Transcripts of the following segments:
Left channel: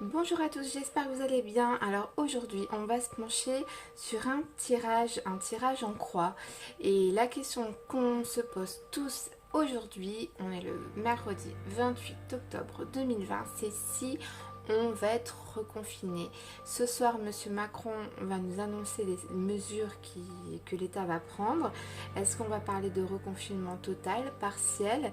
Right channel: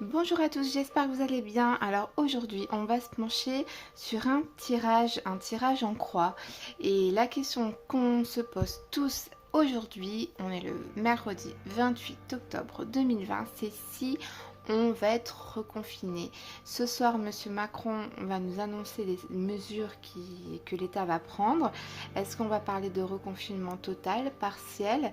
Bonjour à tous, j'espère que vous allez bien. Alors aujourd'hui, on va se pencher sur un tirage en croix. Et la question qu'on se pose tous aujourd'hui, on est le mercredi 28 octobre 2020, c'est si on va être reconfiné. Ce soir, Monsieur Macron va nous annoncer les mesures que l'État va prendre. Est-ce qu'on va parler de reconfinement total, partiel?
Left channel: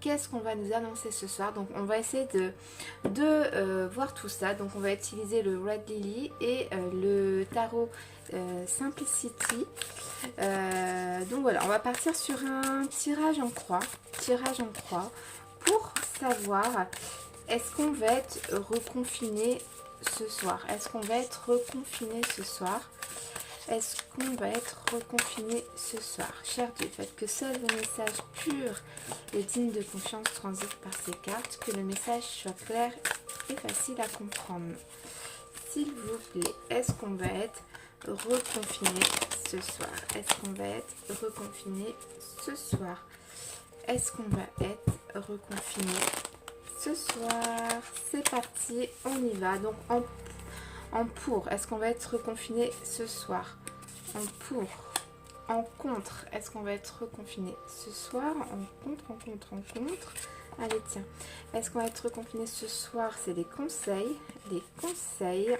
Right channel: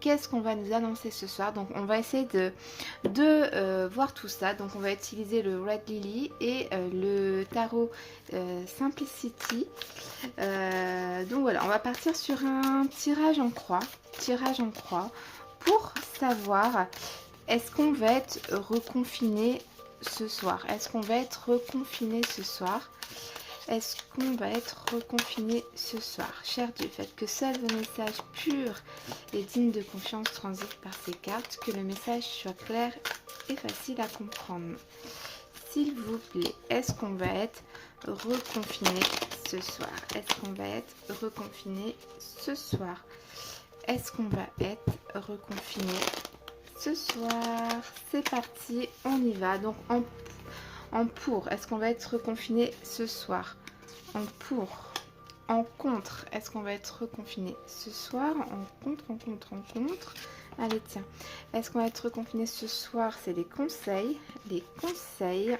Qu'est-ce qu'on va nous annoncer ce soir? Donc on va essayer de voir tout ça. Donc on va utiliser le Red Lily et le tarot Simplicity. Donc voilà, on va partir sur un tirage en croix. Tirage en croix pour savoir est-ce qu'on va être reconfiné ce soir? Est-ce qu'on va être reconfiné ce soir? Est-ce qu'on va être reconfiné ce soir? Cher Dieu, faites que seuls vos messages purs et dignes de confiance transitent par ces cartes, que le message soit clair et facile à comprendre. S'il vous plaît, est-ce qu'on va être reconfiné ce soir? Est-ce qu'on va être reconfiné ce soir? Est-ce qu'on va être reconfiné ce soir? C'est parti, on y va. Donc en pour, est-ce qu'on va être reconfiné ce soir? En pour. En contre, est-ce qu'on va être reconfiné ce soir? En contre. Allez, tiens. Est-ce qu'on va être reconfiné ce soir? C'est les conseils. Les conseils.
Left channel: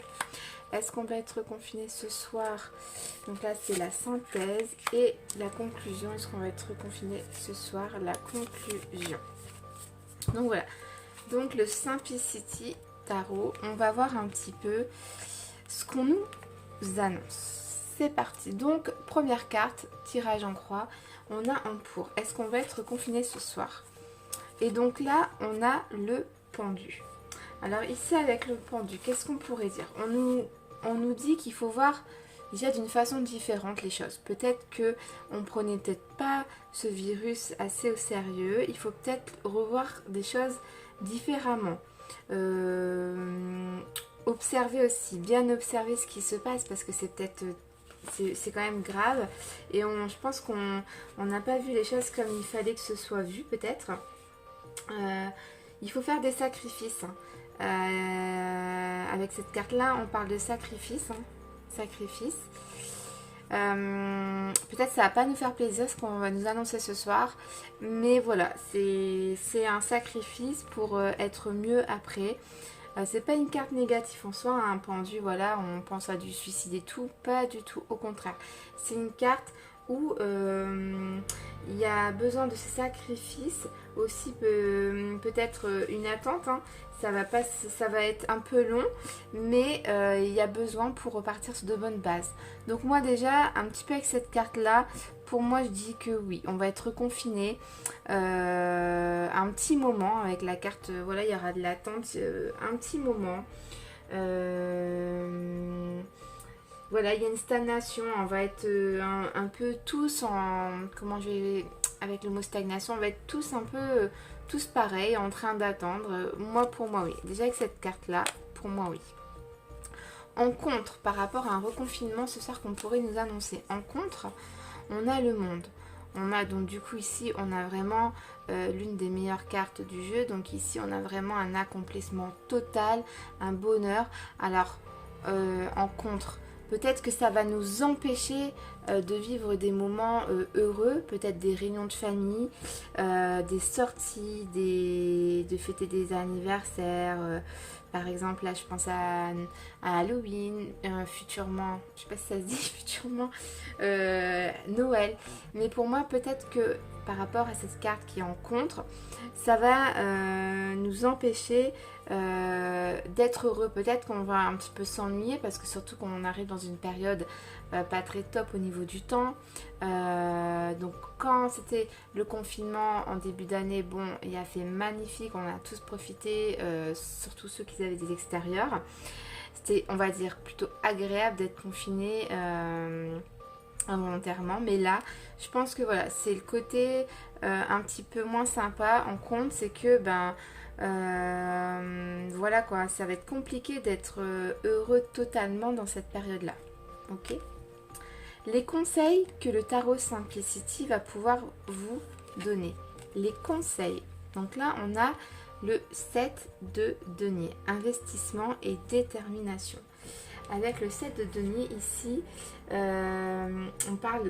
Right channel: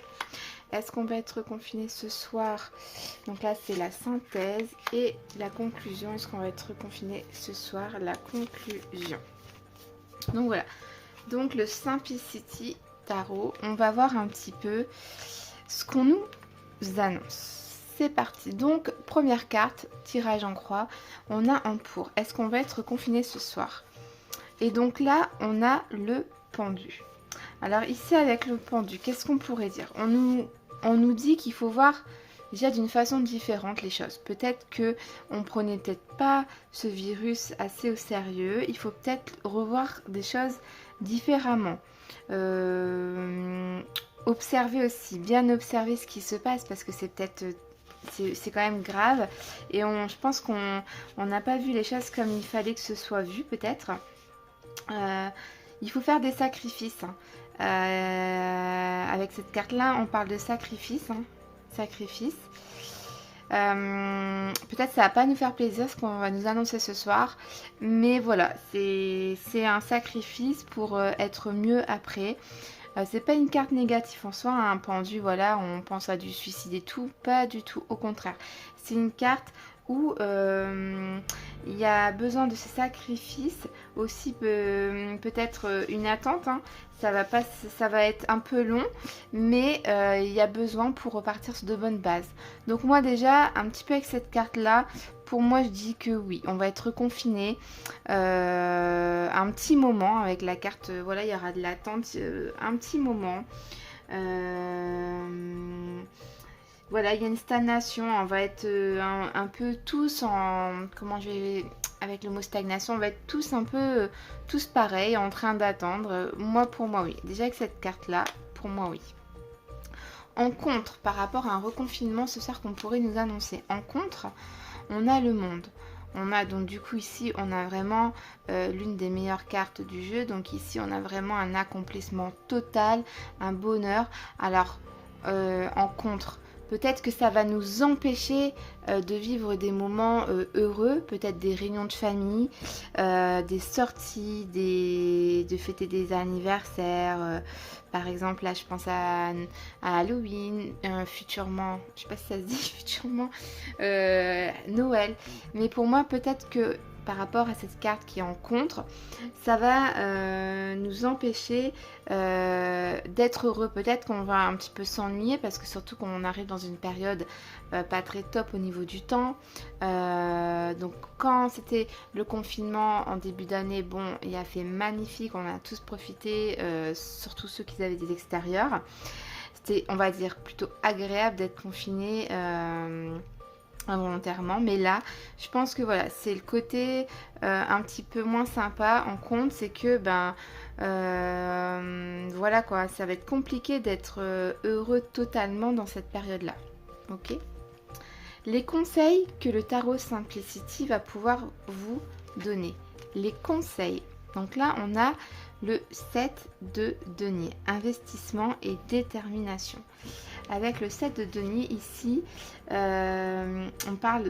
Est-ce qu'on va être reconfiné ce soir? Donc là, c'est la synthèse et la conclusion. Est-ce qu'on va être reconfiné ce soir? La conclusion. Donc voilà. Donc le Simplicity Tarot. On va voir un petit peu ce qu'on nous annonce. C'est parti. Donc, première carte, tirage en croix. On a un pour. Est-ce qu'on va être confiné ce soir? Et donc là, on a le pendu. Alors ici, avec le pendu, qu'est-ce qu'on pourrait dire? On nous dit qu'il faut voir déjà d'une façon différente les choses. Peut-être que on prenait peut-être pas ce virus assez au sérieux. Il faut peut-être revoir des choses différemment. Observer aussi, bien observer ce qui se passe parce que c'est peut-être c'est quand même grave et je pense qu'on n'a pas vu les choses comme il fallait que ce soit vu peut-être. Il faut faire des sacrifices. Avec cette carte là on parle de sacrifice. Sacrifice. Peut-être ça va pas nous faire plaisir ce qu'on va nous annoncer ce soir, mais voilà, c'est un sacrifice pour être mieux après. C'est pas une carte négative en soi, un pendu, voilà, on pense à du suicide et tout, pas du tout, au contraire. C'est une carte où il y a besoin de ces sacrifices, aussi peut-être une attente, hein. Ça va être un peu long, mais il y a besoin pour repartir sur de bonnes bases. Donc moi déjà, un petit peu avec cette carte-là, pour moi je dis que oui, on va être confiné un petit moment avec la carte, voilà, il y aura de l'attente, un petit moment. Voilà, il y a une stagnation, on va être un peu tous en... Comment je vais... Avec le mot stagnation, on va être tous un peu... tous pareils, en train d'attendre. Moi, pour moi, oui. Déjà avec cette carte-là, pour moi, oui. En contre, par rapport à un reconfinement ce soir qu'on pourrait nous annoncer. En contre, on a le monde. On a donc du coup ici, on a vraiment l'une des meilleures cartes du jeu. Donc ici, on a vraiment un accomplissement total, un bonheur. Alors, en contre, peut-être que ça va nous empêcher de vivre des moments heureux, peut-être des réunions de famille, des sorties, de fêter des anniversaires. Par exemple, là, je pense à Halloween, futurement, je sais pas si ça se dit futurement, Noël. Mais pour moi, peut-être que par rapport à cette carte qui est en contre, ça va nous empêcher d'être heureux. Peut-être qu'on va un petit peu s'ennuyer parce que surtout quand on arrive dans une période pas très top au niveau du temps. Donc quand c'était le confinement en début d'année, bon, il a fait magnifique, on a tous profité, surtout ceux qui avaient des extérieurs. C'était, on va dire, plutôt agréable d'être confiné involontairement, mais là je pense que voilà, c'est le côté un petit peu moins sympa en compte, c'est que voilà quoi, ça va être compliqué d'être heureux totalement dans cette période là. Ok, les conseils que le tarot Simplicity va pouvoir vous donner, les conseils. Donc là on a le 7 de denier, investissement et détermination. Avec le 7 de denier ici, on parle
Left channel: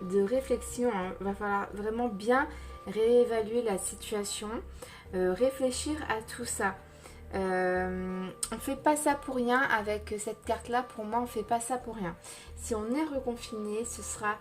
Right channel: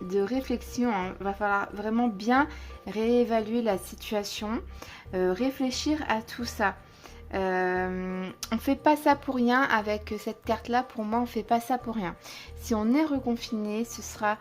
de réflexion, hein. Il va falloir vraiment bien réévaluer la situation, réfléchir à tout ça. On ne fait pas ça pour rien avec cette carte là. Pour moi, on ne fait pas ça pour rien. Si on est reconfiné, ce sera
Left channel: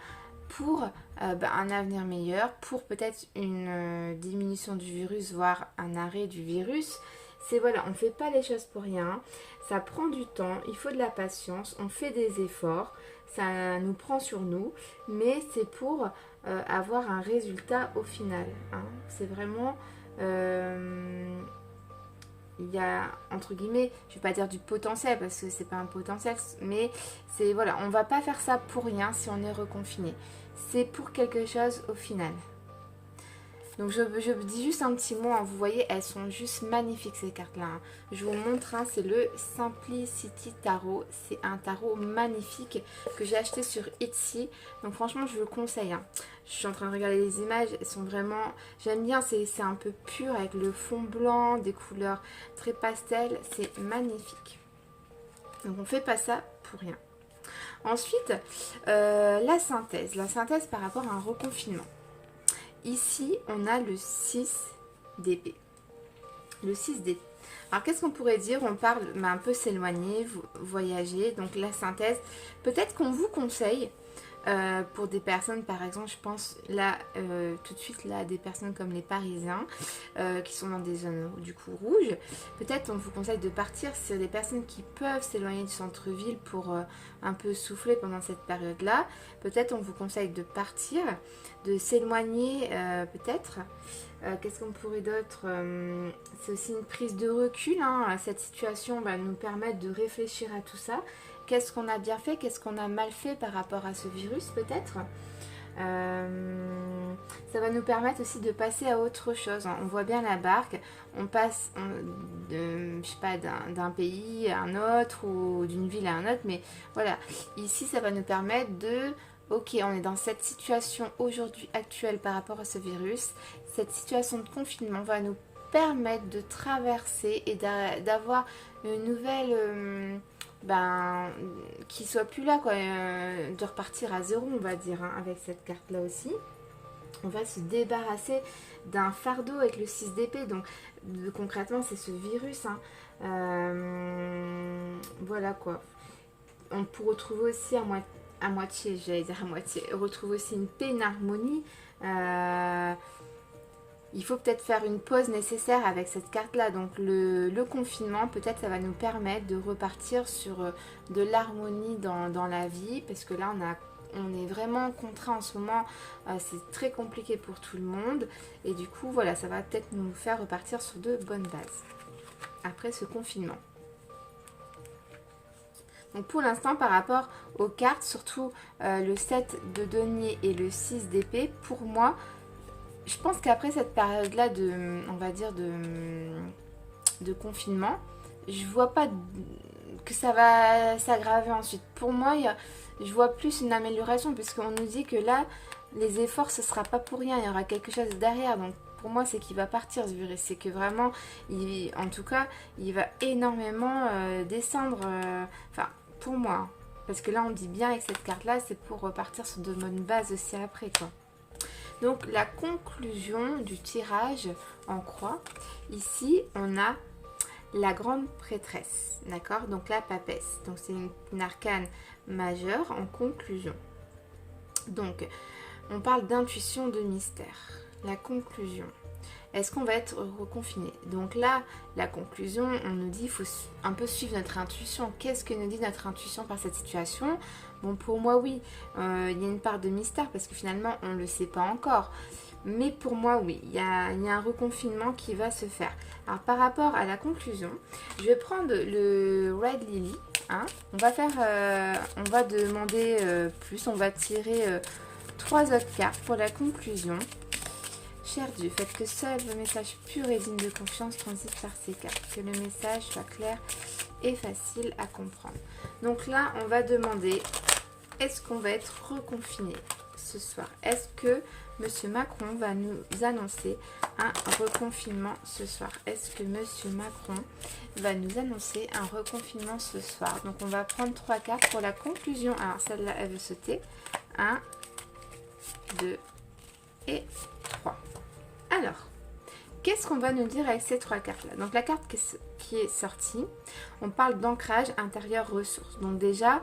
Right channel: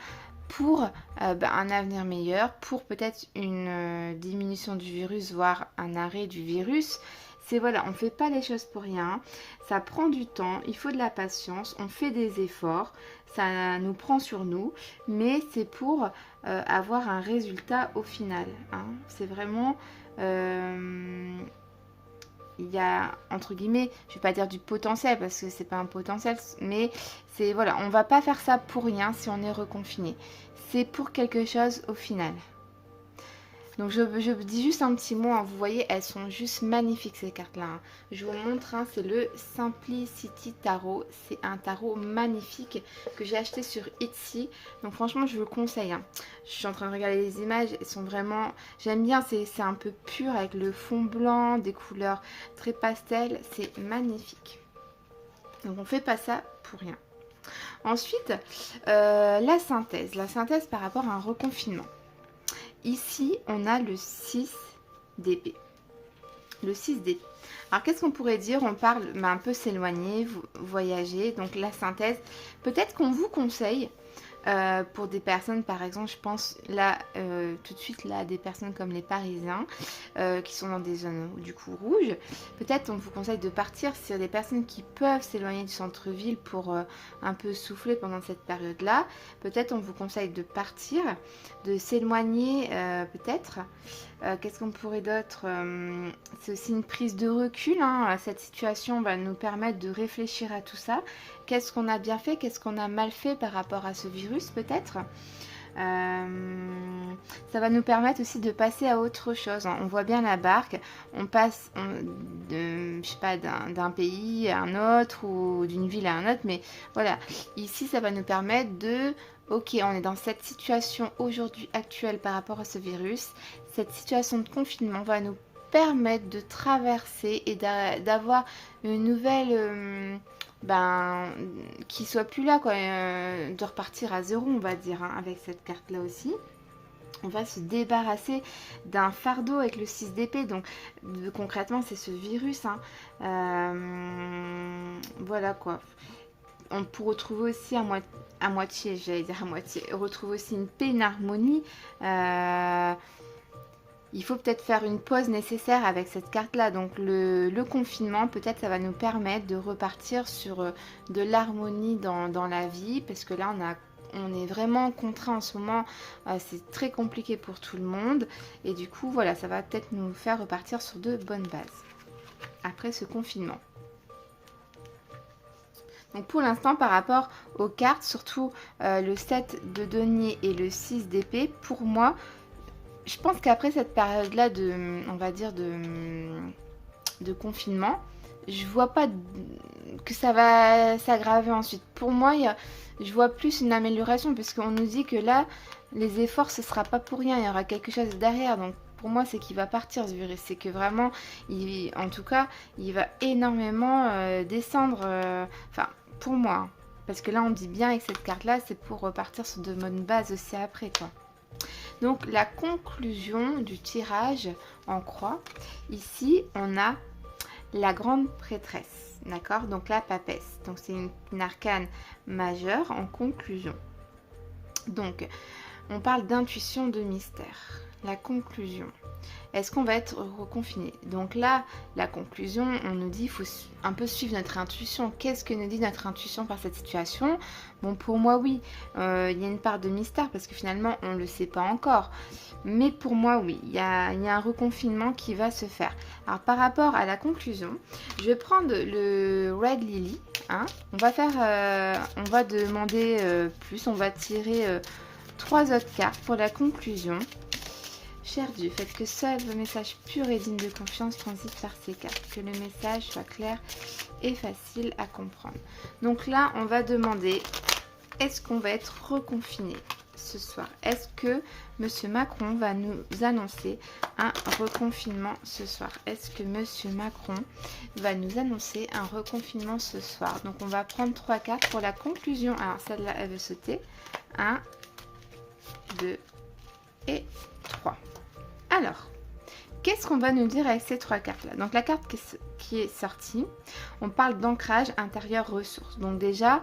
pour un avenir meilleur, pour peut-être une diminution du virus, voire un arrêt du virus. C'est voilà, on ne fait pas les choses pour rien, ça prend du temps, il faut de la patience, on fait des efforts, ça nous prend sur nous, mais c'est pour avoir un résultat au final, hein. C'est vraiment... il y a, entre guillemets, je vais pas dire du potentiel parce que c'est pas un potentiel, mais c'est voilà, on va pas faire ça pour rien si on est reconfiné. C'est pour quelque chose au final. Donc je dis juste un petit mot, hein. Vous voyez, elles sont juste magnifiques ces cartes-là, hein. Je vous montre, hein, c'est le Simplicity Tarot. C'est un tarot magnifique que j'ai acheté sur Etsy. Donc franchement, je vous le conseille, hein. Je suis en train de regarder les images, elles sont vraiment... J'aime bien, c'est un peu pur avec le fond blanc, des couleurs très pastel. C'est magnifique. Donc on ne fait pas ça pour rien. Ensuite, la synthèse. La synthèse par rapport à un reconfinement. Ici, on a le 6 d'épée. Le 6 d'épée. Alors, qu'est-ce qu'on pourrait dire? On parle un peu s'éloigner, voyager. Donc, la synthèse. Peut-être qu'on vous conseille, pour des personnes, par exemple, je pense là, tout de suite, là, des personnes comme les Parisiens, qui sont dans des zones, du coup, rouges. Peut-être on vous conseille de partir sur des personnes qui peuvent s'éloigner du centre-ville pour un peu souffler pendant cette période-là. Peut-être on vous conseille de partir, de s'éloigner, peut-être. Qu'est-ce qu'on pourrait d'autre? C'est aussi une prise de recul, hein. Cette situation va nous permettre de réfléchir à tout ça. Qu'est-ce qu'on a bien fait? Qu'est-ce qu'on a mal fait par rapport à ce virus peut-être? Ça va nous permettre aussi de passer à autre chose, hein. On voit bien la barque, on passe je sais pas, d'un pays à un autre ou d'une ville à un autre, mais voilà, ici ça va nous permettre de... Ok, on est dans cette situation aujourd'hui actuelle par rapport à ce virus. Cette situation de confinement va nous permettre de traverser et d'avoir une nouvelle... qui soit plus là, quoi, de repartir à zéro, on va dire, hein, avec cette carte là aussi. On va se débarrasser d'un fardeau avec le 6 d'épée. Donc concrètement c'est ce virus, hein. Voilà quoi. On peut retrouver aussi à moitié, j'allais dire à moitié, retrouver aussi une paix, une harmonie. Il faut peut-être faire une pause nécessaire avec cette carte-là. Donc le confinement, peut-être ça va nous permettre de repartir sur de l'harmonie dans la vie. Parce que là, on est vraiment contraint en ce moment. C'est très compliqué pour tout le monde. Et du coup, voilà, ça va peut-être nous faire repartir sur de bonnes bases après ce confinement. Donc pour l'instant, par rapport aux cartes, surtout le 7 de denier et le 6 d'épée, pour moi... Je pense qu'après cette période-là on va dire de confinement, je vois pas que ça va s'aggraver ensuite. Pour moi, je vois plus une amélioration puisqu'on nous dit que là, les efforts, ce sera pas pour rien. Il y aura quelque chose derrière. Donc pour moi, c'est qu'il va partir ce virus. C'est que vraiment, en tout cas, il va énormément descendre. Enfin, pour moi. Hein. Parce que là, on dit bien avec cette carte-là, c'est pour repartir sur de bonnes bases aussi après, quoi. Donc la conclusion du tirage en croix, ici on a la grande prêtresse, d'accord? Donc la papesse, donc c'est une arcane majeure en conclusion. Donc on parle d'intuition, de mystère. La conclusion, est-ce qu'on va être reconfiné? Donc là, la conclusion, on nous dit qu'il faut un peu suivre notre intuition. Qu'est-ce que nous dit notre intuition par cette situation? Bon, pour moi, oui, il y a une part de mystère parce que finalement, on ne le sait pas encore. Mais pour moi, oui, il y a un reconfinement qui va se faire. Alors, par rapport à la conclusion, je vais prendre le Red Lily. Hein. On va demander plus, on va tirer 3 autres cartes pour la conclusion. Cher Dieu, faites que seul vos messages purs et dignes de confiance transitent par ces cartes. Que le message soit clair et facile à comprendre. Donc là, on va demander, est-ce qu'on va être reconfiné ce soir? Est-ce que Monsieur Macron va nous annoncer un reconfinement ce soir? Est-ce que Monsieur Macron va nous annoncer un reconfinement ce soir? Donc on va prendre 3 cartes pour la conclusion. Alors celle-là, elle veut sauter. 1, 2 et 3. Alors, qu'est-ce qu'on va nous dire avec ces 3 cartes-là? Donc la carte qui est sortie, on parle d'ancrage intérieur ressources. Donc déjà,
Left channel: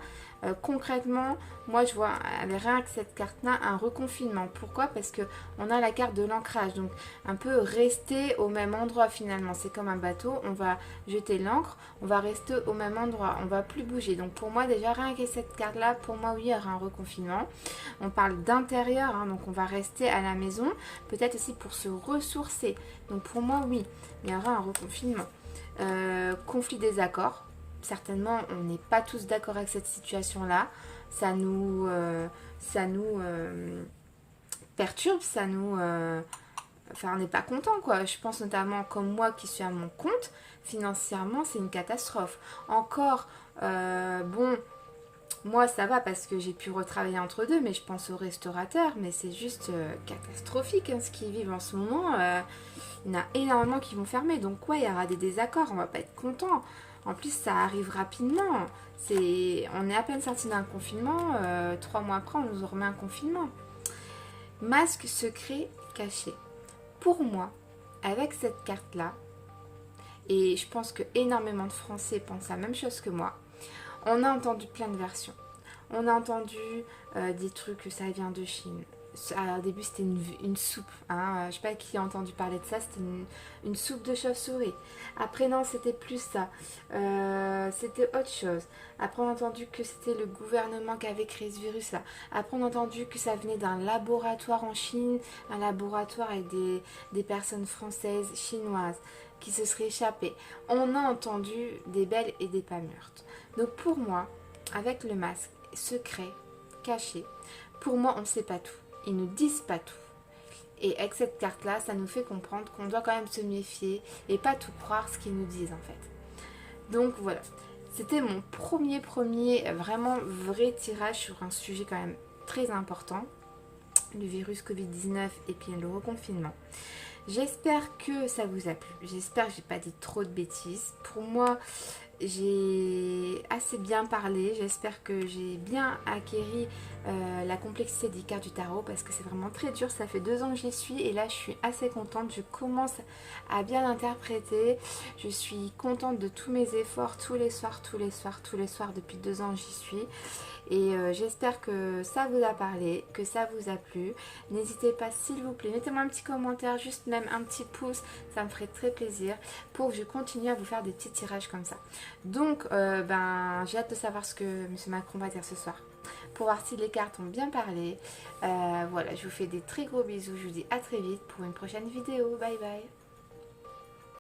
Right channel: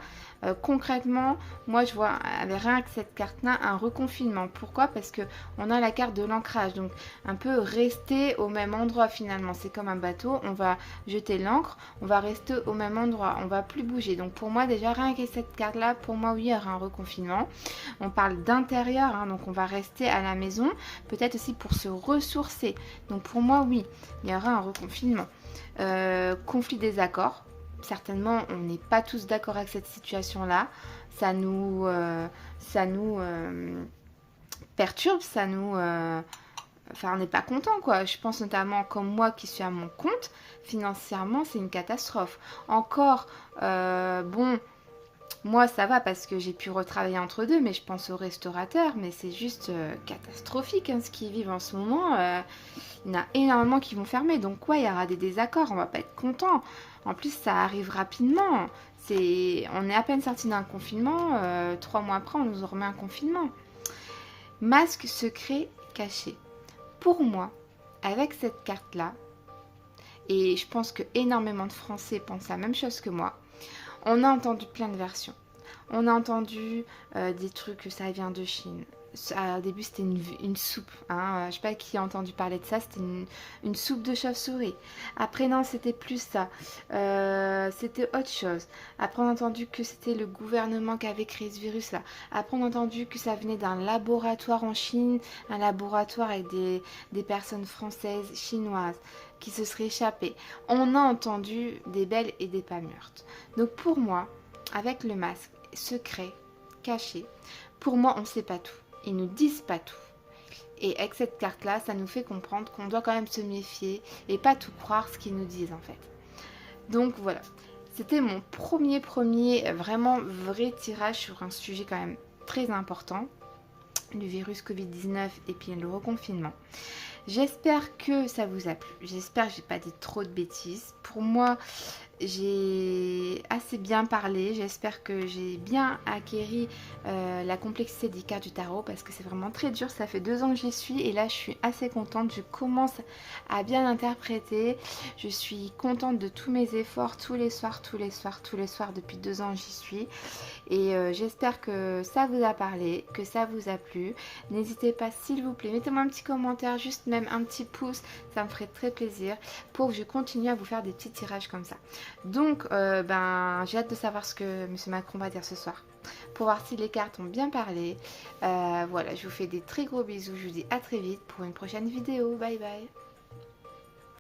concrètement, moi je vois avec rien que cette carte-là un reconfinement. Pourquoi? Parce que on a la carte de l'ancrage, donc un peu rester au même endroit finalement. C'est comme un bateau, on va jeter l'ancre, on va rester au même endroit, on va plus bouger. Donc pour moi déjà rien que cette carte-là, pour moi oui, il y aura un reconfinement. On parle d'intérieur, hein, donc on va rester à la maison, peut-être aussi pour se ressourcer. Donc pour moi oui, il y aura un reconfinement. Conflit des accords. Certainement, on n'est pas tous d'accord avec cette situation-là. Ça nous perturbe, enfin, on n'est pas content, quoi. Je pense notamment comme moi qui suis à mon compte, financièrement, c'est une catastrophe. Encore, bon, moi ça va parce que j'ai pu retravailler entre deux, mais je pense aux restaurateurs, mais c'est juste catastrophique hein, ce qu'ils vivent en ce moment. Il y en a énormément qui vont fermer, donc ouais, il y aura des désaccords, on va pas être content. En plus, ça arrive rapidement. On est à peine sorti d'un confinement, 3 mois après, on nous remet un confinement. Masque secret caché. Pour moi, avec cette carte-là, et je pense que énormément de Français pensent la même chose que moi, on a entendu plein de versions. On a entendu des trucs que ça vient de Chine. Au début, c'était une soupe. Hein. Je ne sais pas qui a entendu parler de ça. C'était une soupe de chauve-souris. Après, non, c'était plus ça. C'était autre chose. Après, on a entendu que c'était le gouvernement qui avait créé ce virus-là. Après, on a entendu que ça venait d'un laboratoire en Chine. Un laboratoire avec des personnes françaises, chinoises, qui se seraient échappées. On a entendu des belles et des pas mûres. Donc, pour moi, avec le masque secret, caché, pour moi, on ne sait pas tout. Ils nous disent pas tout. Et avec cette carte-là, ça nous fait comprendre qu'on doit quand même se méfier et pas tout croire ce qu'ils nous disent en fait. Donc voilà, c'était mon premier vraiment vrai tirage sur un sujet quand même très important, le virus Covid-19 et puis le reconfinement. J'espère que ça vous a plu. J'espère que j'ai pas dit trop de bêtises. Pour moi, j'ai assez bien parlé. J'espère que j'ai bien acquéri la complexité des cartes du tarot parce que c'est vraiment très dur. Ça fait 2 ans que j'y suis et là je suis assez contente. Je commence à bien l'interpréter. Je suis contente de tous mes efforts tous les soirs. Depuis 2 ans j'y suis. Et j'espère que ça vous a parlé, que ça vous a plu. N'hésitez pas s'il vous plaît, mettez-moi un petit commentaire, juste même un petit pouce, ça me ferait très plaisir pour que je continue à vous faire des petits tirages comme ça. Donc j'ai hâte de savoir ce que M. Macron va dire ce soir, pour voir si les cartes ont bien parlé. Voilà, je vous fais des très gros bisous, je vous dis à très vite pour une prochaine vidéo, bye bye.